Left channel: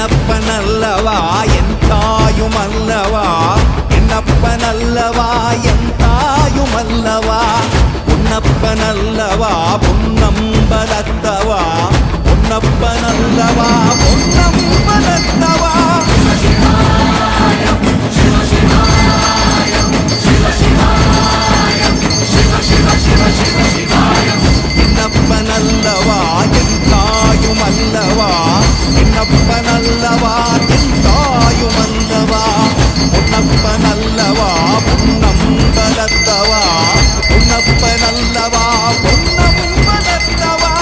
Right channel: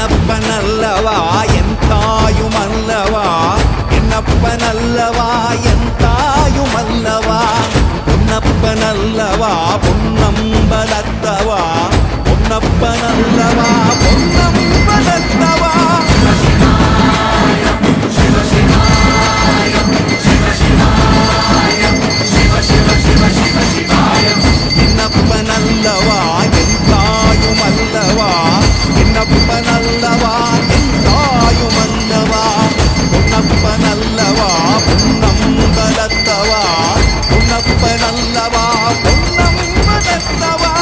என்னப்பனல்லவா என் தாயுமல்லவா, என்னப்பனல்லவா என் தாயுமல்லவா, பொன்னப்பனல்லவா பொன்னம்பலத்தவா, பொன்னப்பனல்லவா பொன்னம்பலத்தவா. என்னப்பனல்லவா என் தாயுமல்லவா, என்னப்பனல்லவா என் தாயுமல்லவா, பொன்னப்பனல்லவா பொன்னம்பலத்தவா, பொன்னப்பனல்லவா பொன்னம்பலத்தவா.